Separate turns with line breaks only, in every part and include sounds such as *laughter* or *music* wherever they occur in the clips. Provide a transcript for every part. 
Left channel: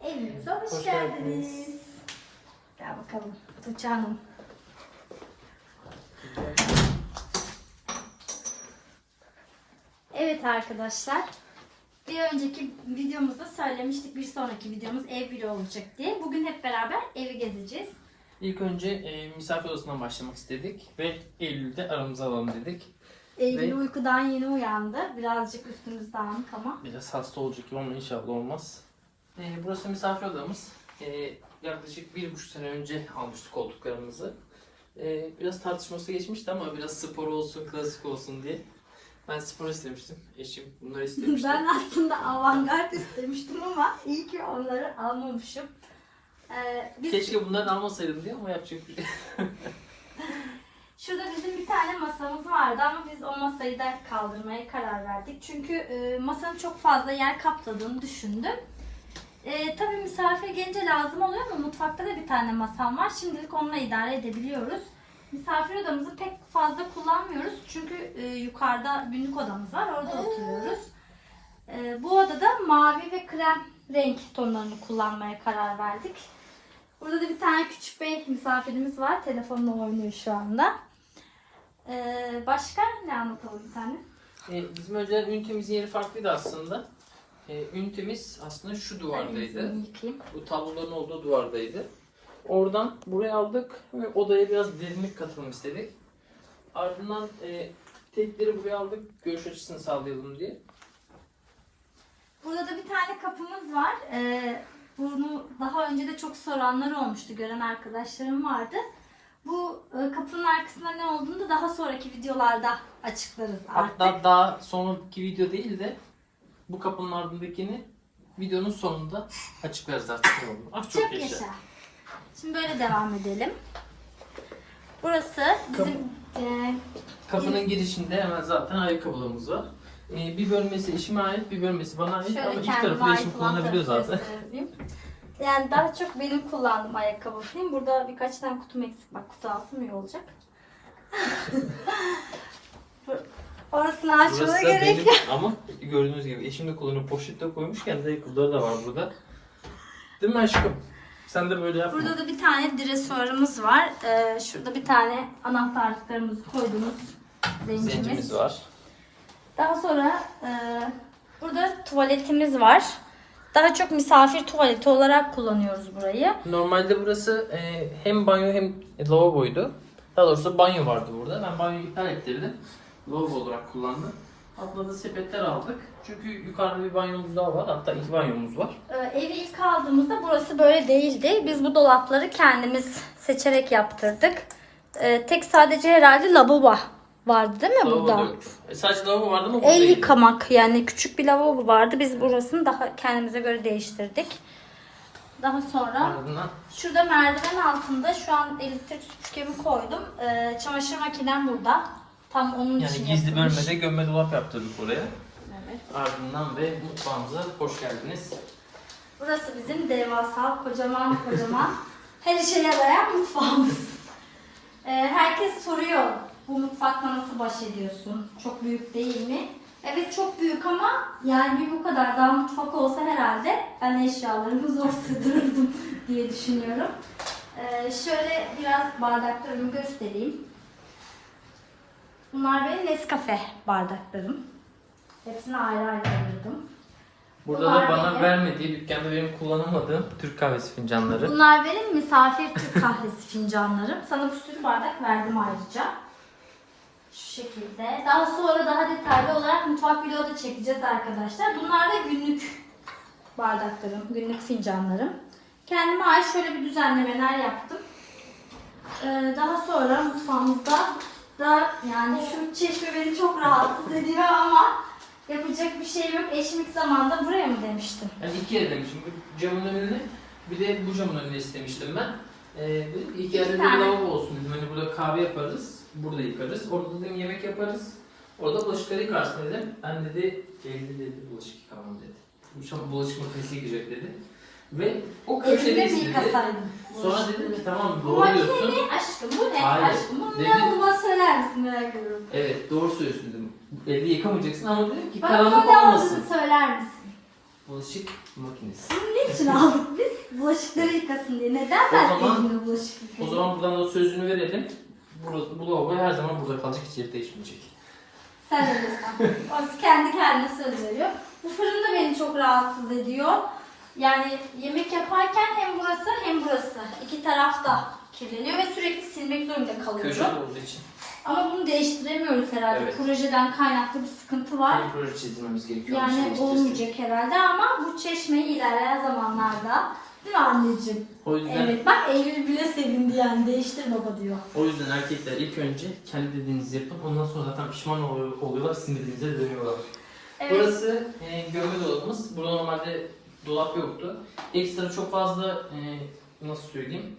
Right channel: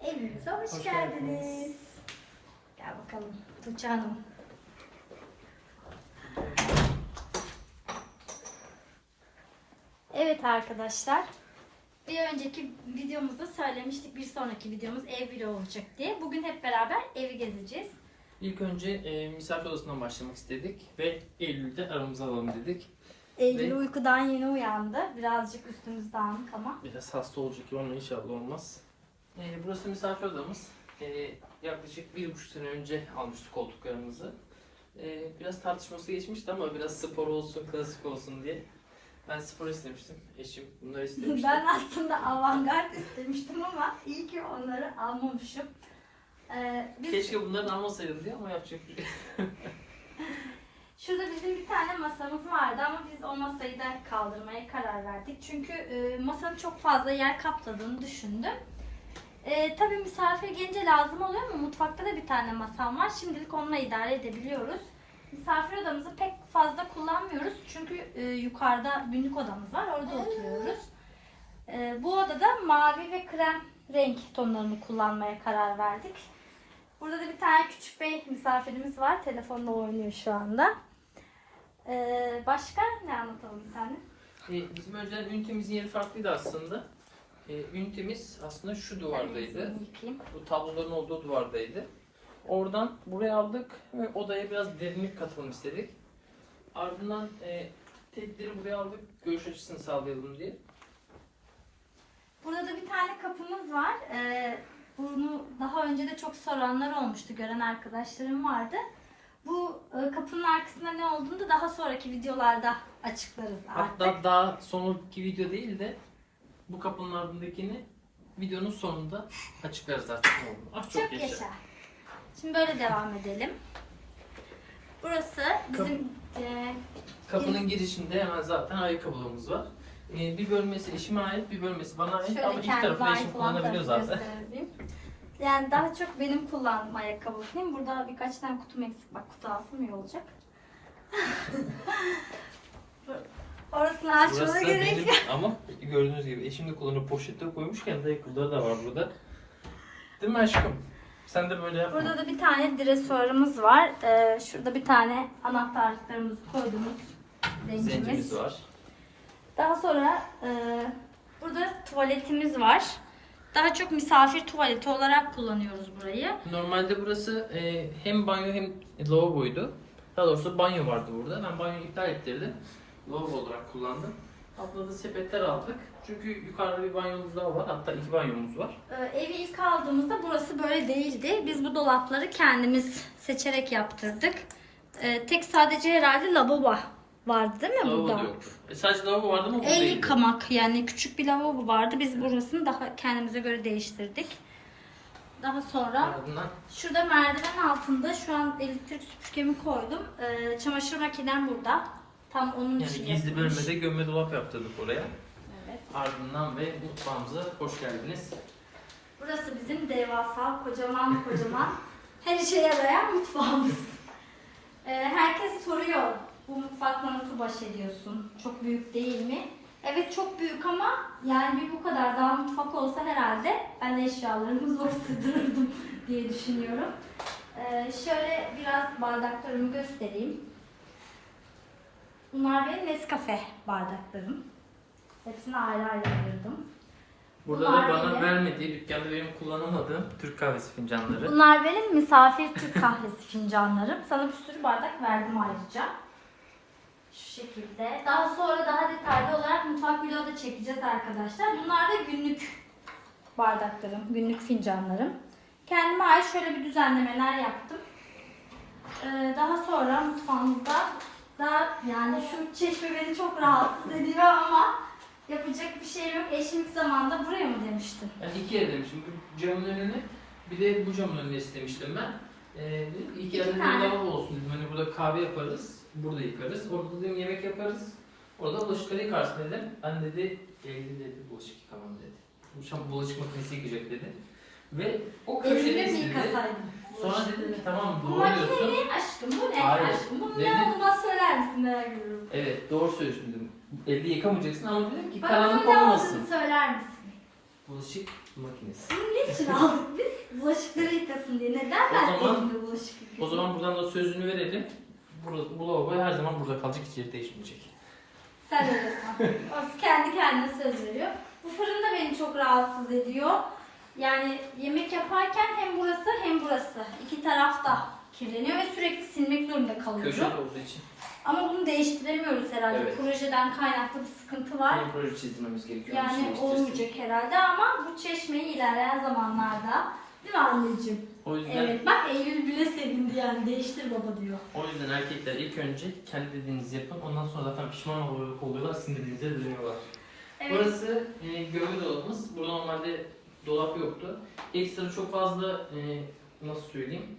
Evimize hoş,
Hoş
geldiniz.
geldiniz.
Gel bakalım Tuğçe Hanım. Evet arkadaşlar. Bir önceki videomuzda söylemiştik bir sonraki videomuz ev vlogu olacak diye. Bugün hep beraber evi gezeceğiz.
İlk önce e, misafir odasından başlamak istedik ve Eylül'de aramıza alalım dedik.
Eylül
Ve-
uykudan yeni uyandı. Birazcık üstümüz dağınık ama.
Biraz hasta olacak gibi ama inşallah olmaz. E, burası misafir odamız. E, yaklaşık bir buçuk sene önce almıştık koltuklarımızı. E, biraz tartışması geçmişti ama biraz spor olsun, klasik olsun diye. Ben spor istemiştim. Eşim bunları *laughs* istemişti.
Ben aslında avantgard istemiştim ama iyi ki onları almamışım. Ee, biz
Keşke bunları almasaydım diye ama yapacak bir şey. *laughs*
Şurada bizim bir tane masamız vardı ama biz o masayı da kaldırmaya karar verdik. Çünkü e, masanın çok fazla yer kapladığını düşündüm. E, tabii misafir gelince lazım oluyor ama mutfakta da bir tane masam var. Şimdilik onunla idare edebiliyoruz. Misafir odamızı pek fazla kullanmıyoruz. Çünkü e, yukarıda günlük odamız var. Orada oturuyoruz. E, bu odada mavi ve krem renk tonlarını kullanmaya karar verdik. Burada da bir tane küçük bir misafirimiz var. Telefonla oynuyor şu anda. Ee, başka ne anlatalım bir tane?
E, bizim önceden ünitemizin yeri farklıydı aslında. E, ünitemiz aslında şu duvardaydı. Bu tabloların olduğu duvardaydı. Oradan buraya aldık ve odaya biraz derinlik katalım istedik. Ardından e, tekleri buraya aldık görüş açısını sağlayalım diye.
Burada da bir tane kapımız var. Ee, bunu daha önce de çok soranlar olmuştu. Gören arkadaşlarım vardı. Bu e, kapının arkasında ne olduğunu da daha sonraki videolarda açıklarız artık.
Hatta daha sonraki video değil de bu kapının ardındakini videonun sonunda açıklarız artık ne olduğunu. Ah çok,
Çok
yaşa.
yaşa. Şimdi böyle devam edelim. Burası bizim e,
Kapının girişinde hemen zaten ayakkabılarımız var. E, bir bölmesi eşime ait, bir bölmesi bana ait
Şöyle
ama iki
kendime
tarafı da eşim
ait olan
kullanabiliyor
tarafı
zaten.
göstereyim. Yani daha çok benim kullandığım ayakkabı değil. Burada birkaç tane kutum eksik. Bak kutu alsam iyi olacak. *laughs* Orasını açmana
Burası da
gerek
benim ama gördüğünüz gibi eşim de kullanıyor poşette koymuşken de ayakkabıları da var burada. Değil mi aşkım? Sen de böyle yapma.
Burada da bir tane dresuarımız var. Ee, şurada bir tane anahtarlıklarımızı koyduğumuz
Zencimiz
zencimiz.
var.
Daha sonra e, burada tuvaletimiz var. Daha çok misafir tuvaleti olarak kullanıyoruz burayı.
Normalde burası e, hem banyo hem lavaboydu. Daha doğrusu banyo vardı burada. Ben banyoyu iptal ettirdim. Lavabo olarak kullandım. Altta da sepetler aldık. Çünkü yukarıda bir banyomuz daha var. Hatta iki banyomuz var.
Ee, evi ilk aldığımızda burası böyle değildi. Biz bu dolapları kendimiz seçerek yaptırdık. Ee, tek sadece herhalde lavabo vardı değil mi
Lavabo da
burada?
yoktu. E, sadece lavabo vardı ama burada
El
değildi.
yıkamak yani küçük bir lavabo vardı. Biz burasını daha kendimize göre değiştirdik. Daha sonra
Ardından
şurada merdiven altında şu an elektrik süpürgemi koydum. Ee, çamaşır makinem burada. Tam onun için
yani gizli
yapılmış.
bölmede gömme dolap yaptırdık oraya. Ardından ve mutfağımıza hoş geldiniz.
Burası bizim devasa, kocaman kocaman *laughs* her işe yarayan mutfağımız. *laughs* Ee, herkes soruyor bu mutfakla nasıl baş ediyorsun? Çok büyük değil mi? Evet çok büyük ama yani bir bu kadar daha mutfak olsa herhalde ben eşyalarımı *laughs* zor sığdırırdım diye düşünüyorum. Ee, şöyle biraz bardaklarımı göstereyim. Bunlar benim Nescafe bardaklarım. Hepsini ayrı ayrı ayırdım.
Burada
Bunlar
da bana
benim.
vermediği, dükkanda benim kullanamadığım Türk kahvesi fincanları.
Bunlar benim misafir Türk kahvesi fincanlarım. Sana bir sürü bardak verdim ayrıca. Şu şekilde. Daha sonra daha detaylı olarak mutfak vlogu da çekeceğiz arkadaşlar. Bunlar da günlük bardaklarım, günlük fincanlarım. Kendime ait şöyle bir düzenlemeler yaptım. Ee, daha sonra mutfağımızda da yani şu çeşme beni çok rahatsız ediyor ama yapacak bir şey yok. Eşim ilk zamanda buraya mı demiştim?
Yani iki yere demiştim. Bu camın önüne bir de bu camın önüne istemiştim ben. Ee, dedim ki iki yerde de bir
tane.
lavabo olsun. Dedim. Hani burada kahve yaparız, burada yıkarız. Orada dedim yemek yaparız. Orada bulaşıkları yıkarsın dedim. Ben dedi, evde dedi bulaşık yıkamam dedi. Bu şam bulaşık makinesi yıkayacak dedi. Ve o
Elinde
köşede
mi
istedi.
yıkasaydım?
Sonra dedi ki tamam
Bu
doğru
makine
diyorsun.
ne aşkım? Bu ne
Hayır,
aşkım? Bu
dedi-
ne olduğunu söyler misin merak ediyorum.
Evet doğru söylüyorsun dedim. Elde yıkamayacaksın ama dedim ki
Bana
karanlık
ne olduğunu
olmasın.
söyler misin?
Bulaşık makinesi.
Bunu niçin *laughs* aldık biz? Bulaşıkları yıkasın diye. Neden ben
zaman-
elimde bulaşık
O
yıkayayım?
zaman buradan da sözünü verelim. Burası, bu lavabo her zaman burada kalacak hiç yeri değişmeyecek.
Sen öyle san. O kendi kendine söz veriyor. Bu fırın da beni çok rahatsız ediyor. Yani yemek yaparken hem burası hem burası. iki taraf da kirleniyor ve sürekli silmek zorunda kalıyorum.
Köşede olduğu için.
Ama bunu değiştiremiyoruz herhalde.
Evet.
Projeden kaynaklı bir sıkıntı var.
Bir proje çizmemiz gerekiyor.
Yani olmayacak herhalde ama bu çeşmeyi ilerleyen zamanlarda değil mi anneciğim?
O yüzden
Evet bak Eylül bile sevindi yani değiştir baba diyor.
o yüzden erkekler ilk önce kendi dediğinizi yapın. Ondan sonra zaten pişman oluyor, oluyorlar, sizin dediğinize dönüyorlar.
Evet.
Burası e, gömme dolabımız. Burada normalde dolap yoktu. Ekstra çok fazla e, nasıl söyleyeyim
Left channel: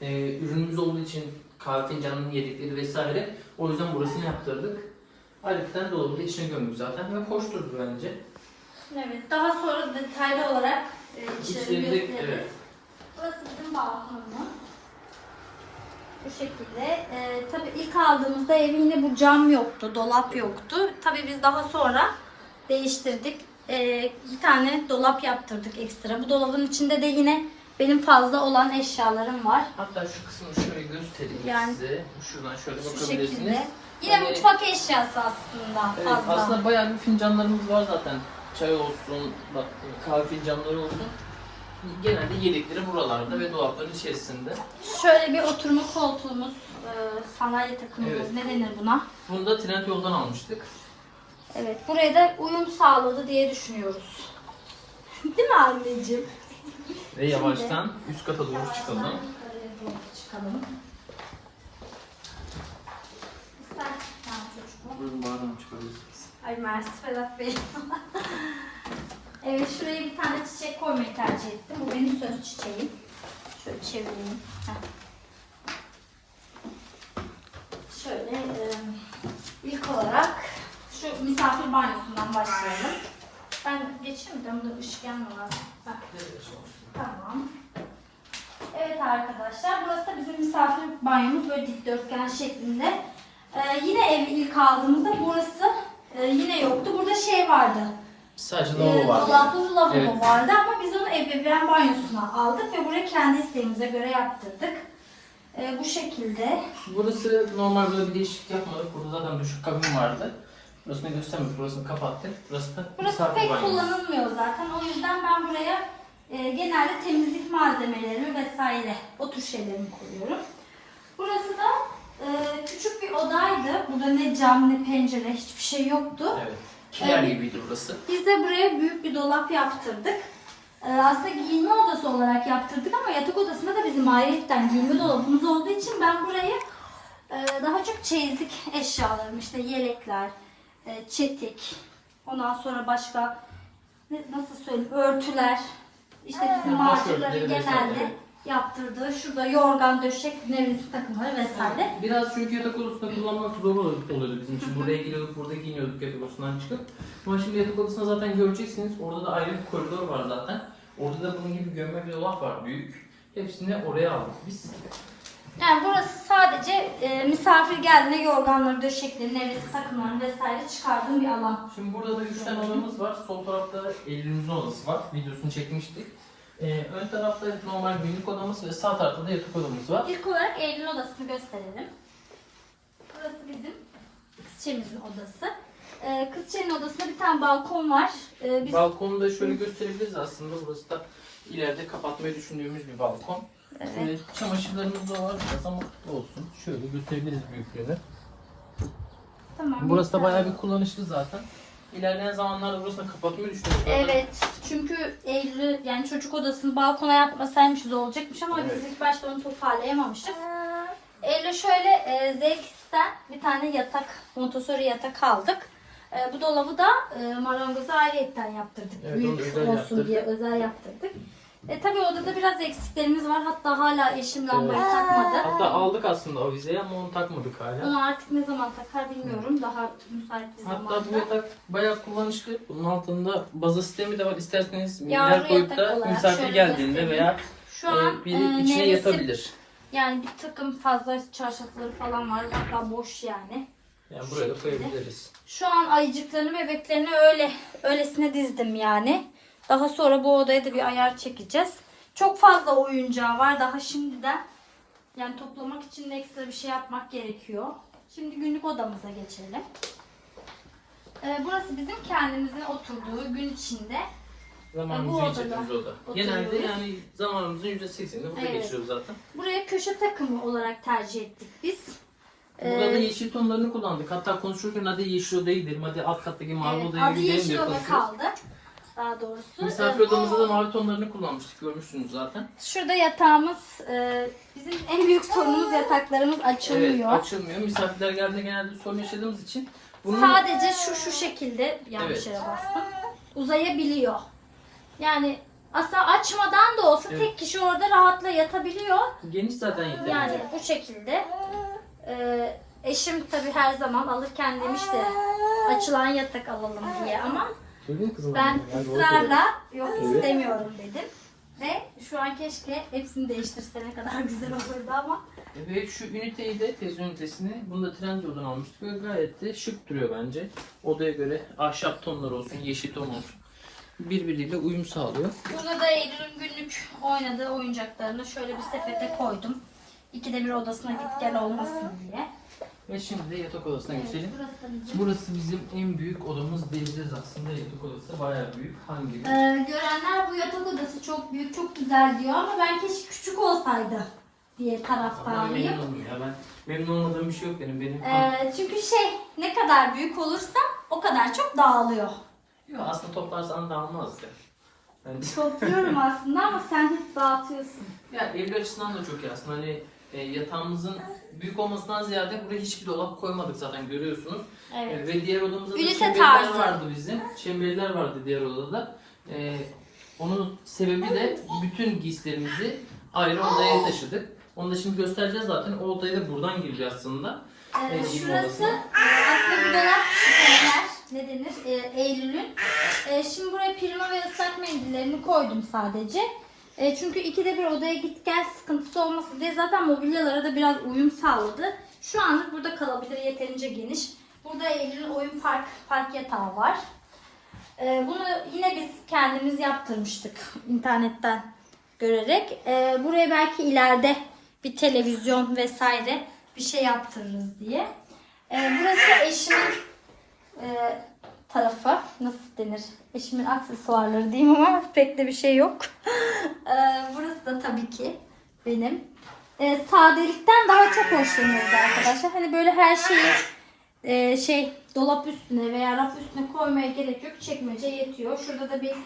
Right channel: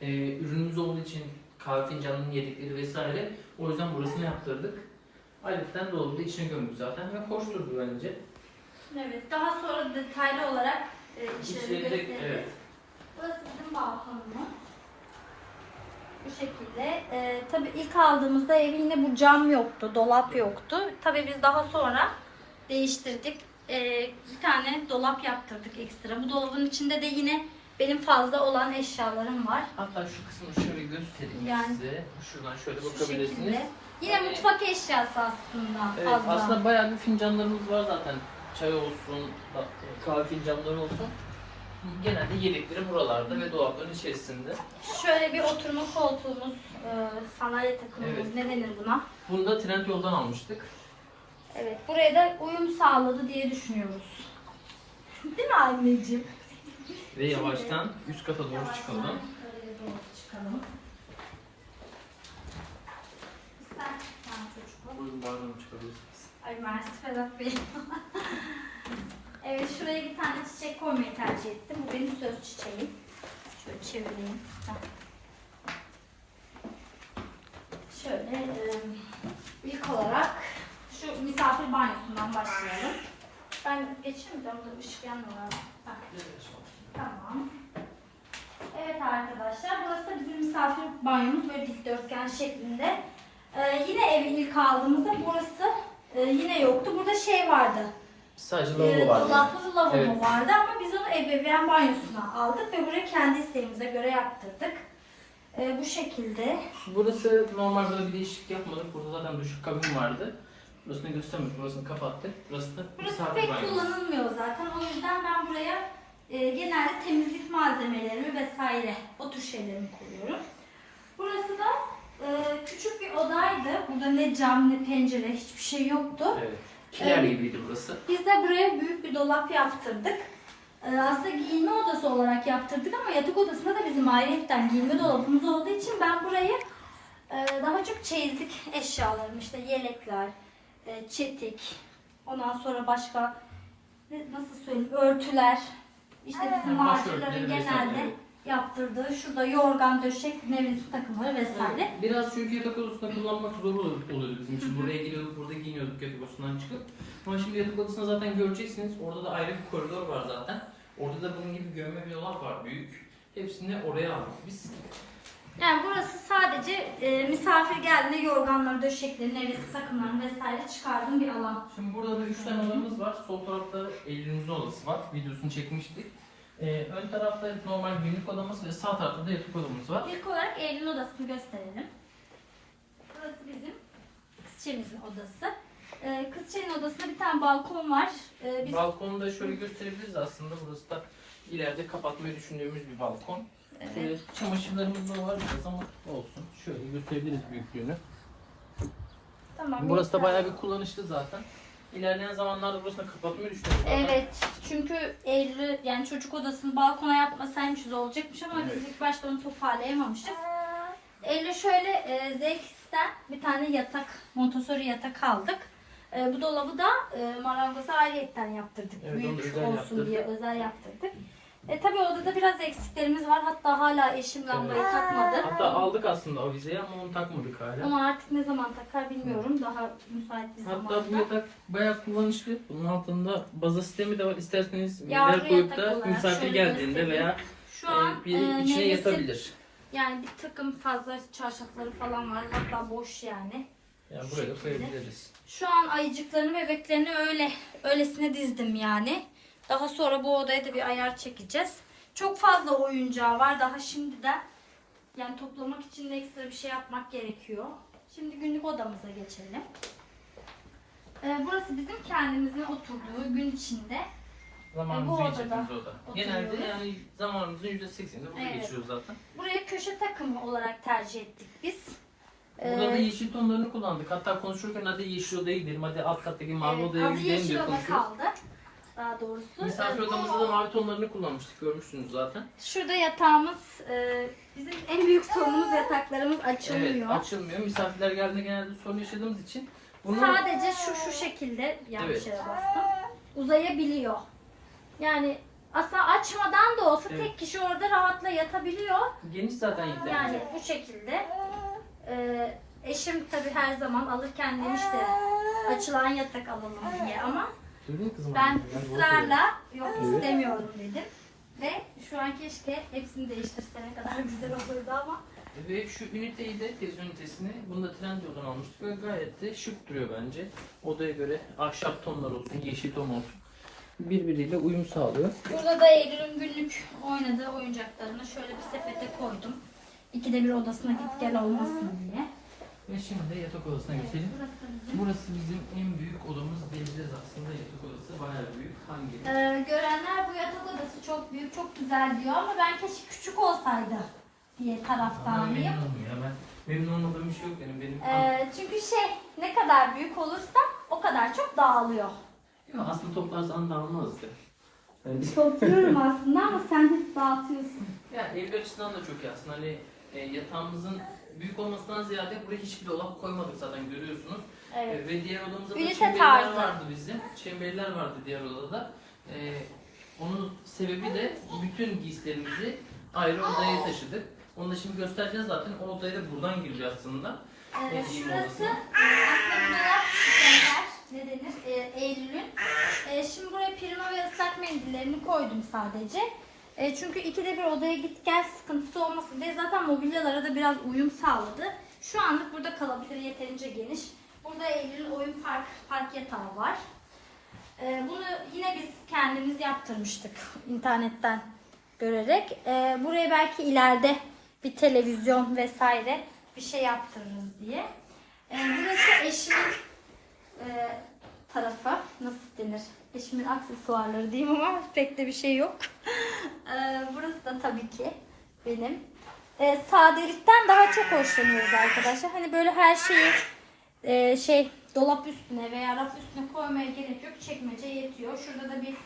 e, ürünümüz olduğu için kahve fincanının yedikleri vesaire. O yüzden burasını yaptırdık. Ayrıca dolabı da içine gömdük zaten ve hoş durdu bence.
Evet daha sonra detaylı olarak e, içlerini gösteririz.
evet.
Burası bizim balkonumuz. Bu şekilde. E, tabii ilk aldığımızda ev yine bu cam yoktu, dolap yoktu. Tabii biz daha sonra değiştirdik. E, bir tane dolap yaptırdık ekstra. Bu dolabın içinde de yine benim fazla olan eşyalarım var.
Hatta şu kısmını şöyle göstereyim
Yani-
size. Şuradan şöyle
Şu
bakabilirsiniz.
şekilde. Yine
Yani-
mutfak eşyası aslında
Evet,
fazla.
aslında bayağı bir fincanlarımız var zaten. Çay olsun, bak, kahve fincanları olsun. Genelde yedekleri buralarda ve dolapların içerisinde.
Şöyle bir oturma koltuğumuz, e, sandalye takımımız
Evet.
ne denir buna?
Bunu da trend yoldan almıştık.
Evet, buraya da uyum sağladı diye düşünüyoruz. *laughs* Değil mi anneciğim?
Ve yavaştan üst kata doğru çıkalım.
çıkalım.
Buyurun bağırın çıkabilirsiniz.
Ay Mersi Ferhat Bey. *laughs* evet şuraya bir tane çiçek koymayı tercih ettim. Bu benim söz çiçeğim. Şöyle çevireyim. Heh. Şöyle e, ilk olarak şu misafir banyosundan başlayalım. Ben geçeyim de burada ışık yanmıyor. Heh. Tamam. Evet arkadaşlar burası da bizim misafir banyomuz böyle dikdörtgen şeklinde. Ee, yine evi ilk aldığımızda burası e, yine yoktu. Burada şey vardı.
Sadece
E,
lavabo var.
dolaplı lavabo
Evet.
vardı ama biz onu ebeveyn banyosuna aldık ve buraya kendi isteğimize göre yaptırdık. E, bu şekilde.
Burası normal böyle bir değişiklik yapmadık. Burada zaten duş kabin vardı. Burasını göstermedik. Burasını kapattık. Burası da
Burası
misafir
pek
banyosu.
kullanılmıyor zaten. O yüzden ben buraya e, genelde temizlik malzemelerimi vesaire o tür şeylerimi koyuyorum. Burası da e, küçük bir odaydı. Burada ne cam ne pencere hiçbir şey yoktu.
Evet. Kiler
Evet.
gibiydi burası.
Biz de buraya büyük bir dolap yaptırdık. E, aslında giyinme odası olarak yaptırdık ama yatak odasında da bizim ayrıyetten giyinme dolabımız olduğu için ben burayı e, daha çok çeyizlik eşyalarım işte yelekler, e, çetik, ondan sonra başka ne- nasıl söyleyeyim örtüler, işte bizim
vesaire,
genelde yaptırdığı şurada yorgan döşek nevresim takımları vesaire.
Biraz çünkü yatak odasında kullanmak zor ol- oluyordu bizim için. Buraya giriyorduk, burada giyiniyorduk yatak odasından çıkıp. Ama şimdi yatak odasında zaten göreceksiniz. Orada da ayrı bir koridor var zaten. Orada da bunun gibi gömme bir dolap var büyük. Hepsini oraya aldık biz.
E, misafir geldiğinde yorganları, döşekleri, nevresim takımlarını vesaire çıkardığım bir alan.
Şimdi burada da üç tane odamız var. Sol tarafta Eylül'ümüzün odası var. Videosunu çekmiştik. Ee, ön tarafta normal günlük odamız ve sağ tarafta da yatak odamız var.
İlk olarak Eylül odasını gösterelim. Burası bizim kızçemizin odası. Ee, kızçenin odasında bir tane balkon var. Ee, biz
Balkonu da şöyle gösterebiliriz aslında. Burası da ileride kapatmayı düşündüğümüz bir balkon. Şöyle çamaşırlarımız da var biraz ama olsun. Şöyle gösterebiliriz büyüklüğünü.
tamam.
Burası da
yeter.
bayağı bir kullanışlı zaten. İlerleyen zamanlarda burasını kapatmayı düşünüyoruz.
Evet. Çünkü Eylül yani çocuk odasını balkona yapmasaymışız olacakmış ama biz ilk başta onu toparlayamamışız. Eylül şöyle e, ZX'ten bir tane yatak, Montessori yatak aldık. E, bu dolabı da e, marangoza ayrıyetten yaptırdık.
Evet, onu
Büyük
özel
olsun
yaptırdık.
diye özel yaptırdık. E, tabii odada biraz eksiklerimiz var. Hatta hala eşim lambayı
Evet.
takmadı.
Hatta aldık aslında avizeyi ama onu takmadık hala.
Onu artık ne zaman takar bilmiyorum. Daha müsait bir
Hatta
zamanda.
bu yatak bayağı kullanışlı. Bunun altında baza sistemi de var. İsterseniz
Yavru
minder koyup
yatak
da
olarak
misafir
şöyle
geldiğinde
göstereyim.
veya
Şu an
e, biri
e,
içine
nevresim-
yatabilir.
Yani bir takım fazla çarşafları falan var. Hatta boş yani.
Yani buraya da koyabiliriz.
Şu an ayıcıklarını bebeklerini öyle öylesine dizdim yani. Daha sonra bu odaya da bir ayar çekeceğiz. Çok fazla oyuncağı var daha şimdiden. Yani toplamak için ekstra bir şey yapmak gerekiyor. Şimdi günlük odamıza geçelim. Ee, burası bizim kendimizin oturduğu gün içinde.
Zamanımızı
bu
geçirdiğimiz oda. Genelde yani zamanımızın %80'ini burada
Evet.
geçiriyoruz zaten.
Buraya köşe takımı olarak tercih ettik biz.
Burada da
Ee,
yeşil tonlarını kullandık. Hatta konuşurken hadi yeşil odaya gidelim, hadi alt kattaki mavi
evet,
odaya
adı
gidelim
yeşil
diye
oda
konuşuyoruz.
kaldı. Daha doğrusu.
Misafir
Ee,
odamızda da mavi tonlarını kullanmıştık. Görmüşsünüz zaten.
Şurada yatağımız, e, bizim en büyük sorunumuz yataklarımız açılmıyor.
Evet, açılmıyor. Misafirler geldiğinde genelde sorun yaşadığımız için bunu
Sadece şu şu şekilde yanlış
Evet.
yere bastım. Uzayabiliyor. Yani aslında açmadan da olsa
Evet.
tek kişi orada rahatla yatabiliyor.
geniş zaten yeterli.
Yani bu şekilde. Ee, eşim tabii her zaman alırken demişti açılan yatak alalım diye ama
Kızım.
ben
Yani
ısrarla yok
Evet.
istemiyorum dedim. Ve şu an keşke hepsini değiştirse ne kadar *laughs* güzel olurdu ama
Ve şu üniteyi de tez ünitesini bunu da Trendyol'dan almıştık ve gayet de şık duruyor bence. Odaya göre ahşap tonlar olsun, yeşil ton olsun. Birbiriyle uyum sağlıyor.
Burada da Eylül'ün günlük oynadığı oyuncaklarını şöyle bir sepete koydum. İkide bir odasına git gel olmasın diye.
Ve şimdi yatak odasına geçelim.
Burası bizim.
En büyük odamız diyebiliriz aslında. Yatak odası bayağı büyük. Hangi?
Ee, görenler bu yatak odası çok büyük, çok güzel diyor ama ben keşke küçük olsaydı diye
Ben
taraftarıyım.
memnunum ya. Ben memnun olmadığım bir şey yok benim. Benim
Ee, çünkü şey ne kadar büyük olursa o kadar çok dağılıyor.
Yok, aslında toplarsan da almazdı. Bence.
Topluyorum aslında ama sen hep dağıtıyorsun.
Ya evli açısından da çok iyi aslında. Hani e, yatağımızın büyük olmasından ziyade buraya hiçbir dolap koymadık zaten görüyorsunuz.
Evet.
E, ve diğer odamızda da
Ünite
çemberiler
tarzı.
vardı bizim. Çemberiler vardı diğer odada. E, onun sebebi de bütün giysilerimizi ayrı odaya taşıdık. Onu da şimdi göstereceğiz zaten. O odaya da buradan giriyor aslında.
Ee,
Benim
şurası
odasına.
e, aslında bir dolap şeyler, ne denir e, Eylül'ün. E, şimdi buraya prima ve ıslak mendillerini koydum sadece. E, çünkü ikide bir odaya git gel sıkıntısı olmasın diye zaten mobilyalara da biraz uyum sağladı. Şu anlık burada kalabilir yeterince geniş. Burada Eylül'ün oyun park, park yatağı var. E, bunu yine biz kendimiz yaptırmıştık *laughs* internetten görerek. E, buraya belki ileride bir televizyon vesaire bir şey yaptırırız diye. E, burası eşimin e, tarafı. Nasıl denir? Eşimin aksesuarları diyeyim ama *laughs* pek de bir şey yok. *laughs* E, burası da tabii ki benim. E, sadelikten daha çok hoşlanıyoruz arkadaşlar. Hani böyle her şeyi e, şey dolap üstüne veya raf üstüne koymaya gerek yok. Çekmece yetiyor. Şurada da bir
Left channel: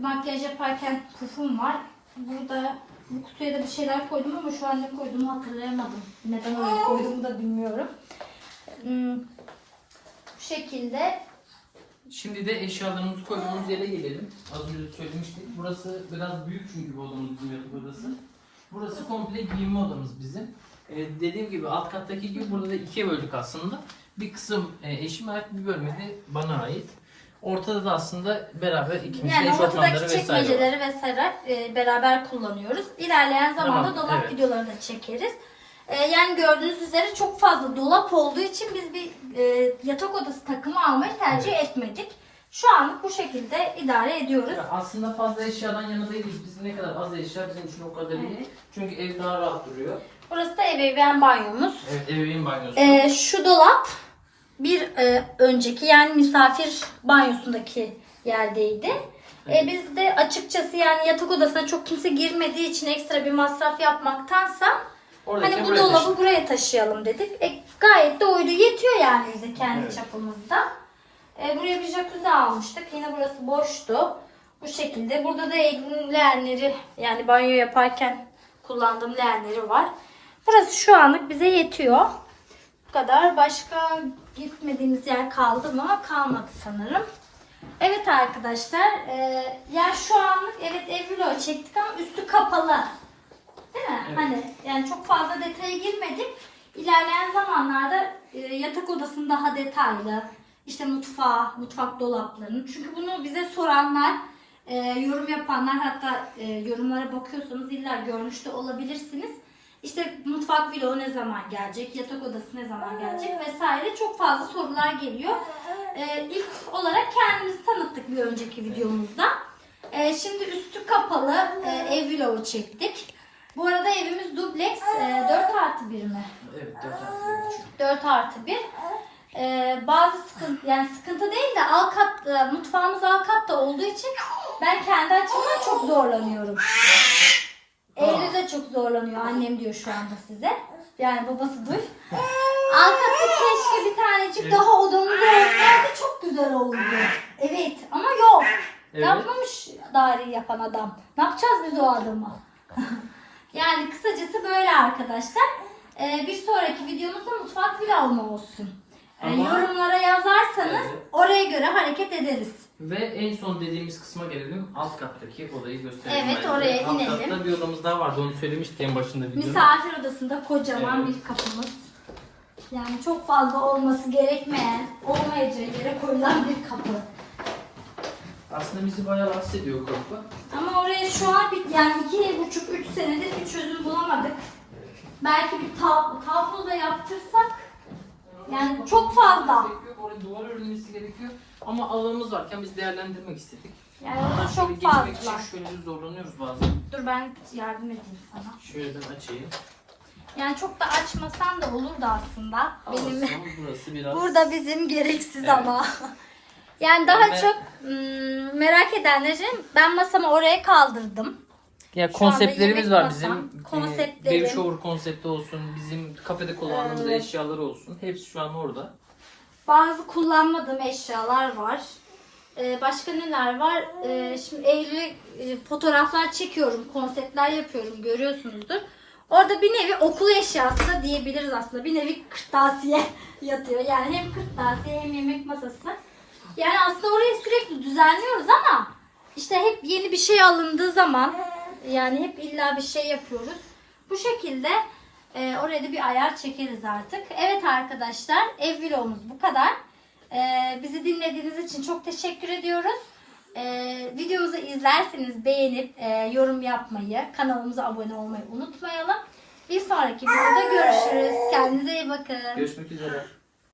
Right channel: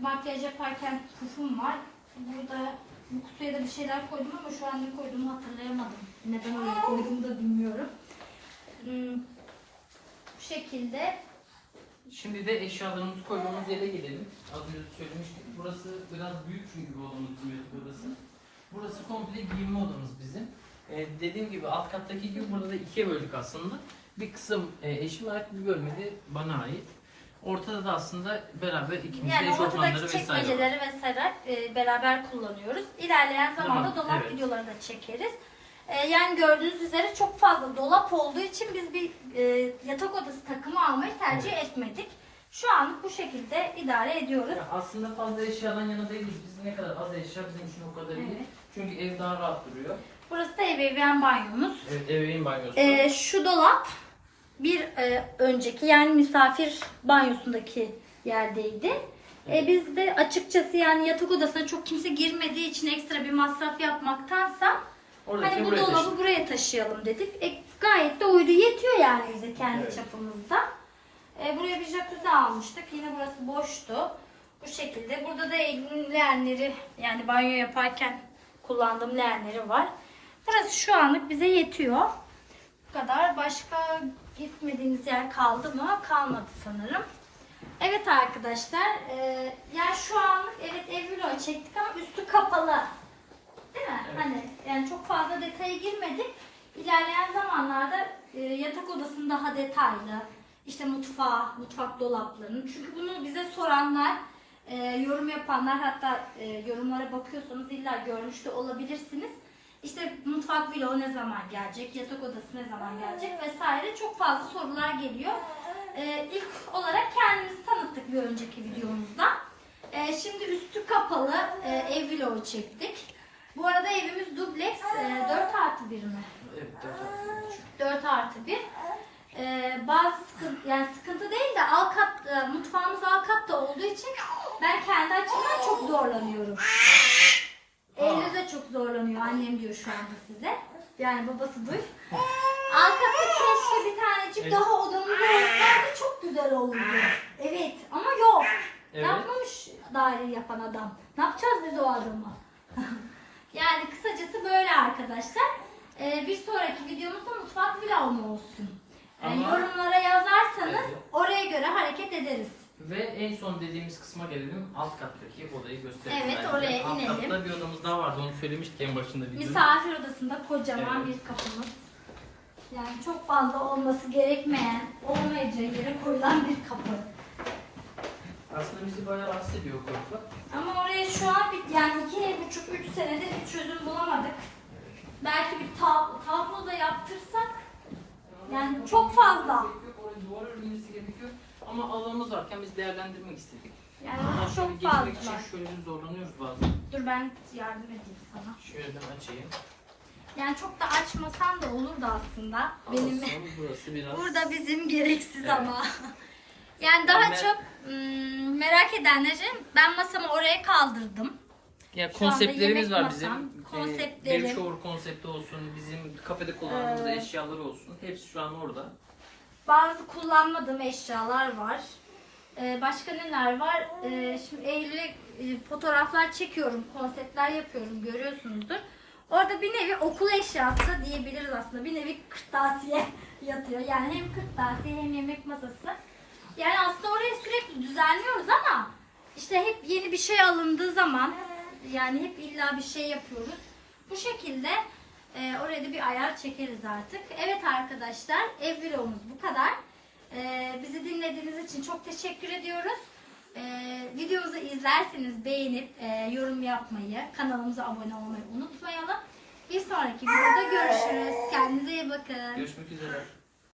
makyaj yaparken pufum var. Burada bu kutuya da bir şeyler koydum ama şu an ne koyduğumu hatırlayamadım. Neden oraya koyduğumu da bilmiyorum. Hmm, Bu şekilde
Şimdi de eşyalarımızı koyduğumuz yere gelelim. Az önce de söylemiştik. Burası biraz büyük çünkü odamız bizim yatak odası. Burası komple giyinme odamız bizim. Ee, dediğim gibi alt kattaki gibi burada da ikiye böldük aslında. Bir kısım e, eşime ait bir bölümü de bana ait. Ortada da aslında beraber ikimizin
yani
eşofmanları
ortadaki
vesaire var.
çekmeceleri vesaire e, beraber kullanıyoruz. İlerleyen zamanda
Tamam,
dolap
evet.
videoları da çekeriz. E, yani gördüğünüz üzere çok fazla dolap olduğu için biz bir e, yatak odası takımı almayı tercih etmedik. Şu anlık bu şekilde idare ediyoruz.
Ya aslında fazla eşyadan yana değiliz. Biz ne kadar az eşya bizim için o kadar iyi.
Evet.
Çünkü ev daha rahat duruyor.
Burası da ebeveyn banyomuz.
Evet ebeveyn banyosu.
Ee, şu dolap bir e, önceki yani misafir banyosundaki yerdeydi. Ee, biz de açıkçası yani yatak odasına çok kimse girmediği için ekstra bir masraf yapmaktansa
Oradaki
hani bu
buraya
dolabı
taşıdık.
buraya taşıyalım dedik. E, gayet de uydu yetiyor yani bize kendi
Evet.
çapımızda. E, buraya bir jacuzzi almıştık. Yine burası boştu. Bu şekilde. Burada da Eylül'ün leğenleri yani banyo yaparken kullandığım leğenleri var. Burası şu anlık bize yetiyor. Bu kadar. Başka gitmediğimiz yer kaldı mı? Kalmadı sanırım. Evet arkadaşlar. E, yani şu anlık evet ev çektik ama üstü kapalı. Değil mi?
Evet.
Hani yani çok fazla detaya girmedik. İlerleyen zamanlarda e, yatak odasını daha detaylı, işte mutfağı, mutfak dolaplarını. Çünkü bunu bize soranlar, e, yorum yapanlar hatta e, yorumlara bakıyorsanız illa görmüş de olabilirsiniz. İşte mutfak vlogu ne zaman gelecek, yatak odası ne zaman gelecek vesaire çok fazla sorular geliyor. E, ilk olarak kendimizi tanıttık bir önceki videomuzda. E, şimdi üstü kapalı e, ev vlogu çektik. Bu arada evimiz dubleks e, 4 artı 1 mi?
Evet 4 artı
4 artı 1. Ee, bazı sıkıntı, yani sıkıntı değil de alt kat, e, mutfağımız alt katta olduğu için ben kendi açımdan çok zorlanıyorum. Eylül de çok zorlanıyor. Annem diyor şu anda size. Yani babası duy. Alt katta keşke bir tanecik
Evet.
daha odamız olsaydı çok güzel olurdu. Evet ama yok.
Evet.
Yapmamış daireyi yapan adam. Ne yapacağız biz o adamı? *laughs* yani kısacası böyle arkadaşlar. Ee, bir sonraki videomuzda mutfak vlogmu olsun. Ee,
Ama-
yorumlara yazarsanız
Evet.
oraya göre hareket ederiz.
Ve en son dediğimiz kısma gelelim. Alt kattaki odayı gösterelim.
Evet,
bence.
oraya
Alt
inelim.
katta bir odamız daha vardı. Onu söylemiştik en başında videonun.
Misafir odasında kocaman
Evet.
bir kapımız. Yani çok fazla olması gerekmeyen, olmayacağı yere koyulan bir kapı.
Aslında bizi bayağı rahatsız ediyor o kapı.
Ama oraya şu an bir, yani iki buçuk, üç senedir bir çözüm bulamadık. Belki bir tablo, tablo da yaptırsak Yani çok fazla.
Oraya duvar örülmesi gerekiyor. Ama alanımız varken biz değerlendirmek istedik.
yani
Hatta şöyle
çok
geçmek
fazla.
için şöyle bir zorlanıyoruz bazen.
Dur ben yardım edeyim sana.
Şöyle ben açayım.
Yani çok da açmasan da olurdu aslında. Benim
Aslında burası biraz...
Burada bizim gereksiz
Evet.
ama. *laughs* Yani daha
Ve-
çok merak edenlerin ben masamı oraya kaldırdım.
Ya
Şu anda
konseptlerimiz
yemek
var
masam,
bizim.
konseptlerim.
Baby shower konsepti olsun, bizim kafede kullandığımız
Evet.
eşyalar olsun. Hepsi şu an orada.
Bazı kullanmadığım eşyalar var. Ee, başka neler var? Ee, şimdi Eylül'e e, fotoğraflar çekiyorum, konseptler yapıyorum görüyorsunuzdur. Orada bir nevi okul eşyası da diyebiliriz aslında. Bir nevi kırtasiye *laughs* yatıyor. Yani hem kırtasiye hem yemek masası. Yani aslında orayı sürekli düzenliyoruz ama işte hep yeni bir şey alındığı zaman yani hep illa bir şey yapıyoruz. Bu şekilde e, oraya da bir ayar çekeriz artık. Evet arkadaşlar ev vlogumuz bu kadar. E, bizi dinlediğiniz için çok teşekkür ediyoruz. E, videomuzu izlerseniz beğenip e, yorum yapmayı, kanalımıza abone olmayı unutmayalım. Bir sonraki videoda görüşürüz. Kendinize iyi bakın.
Görüşmek üzere.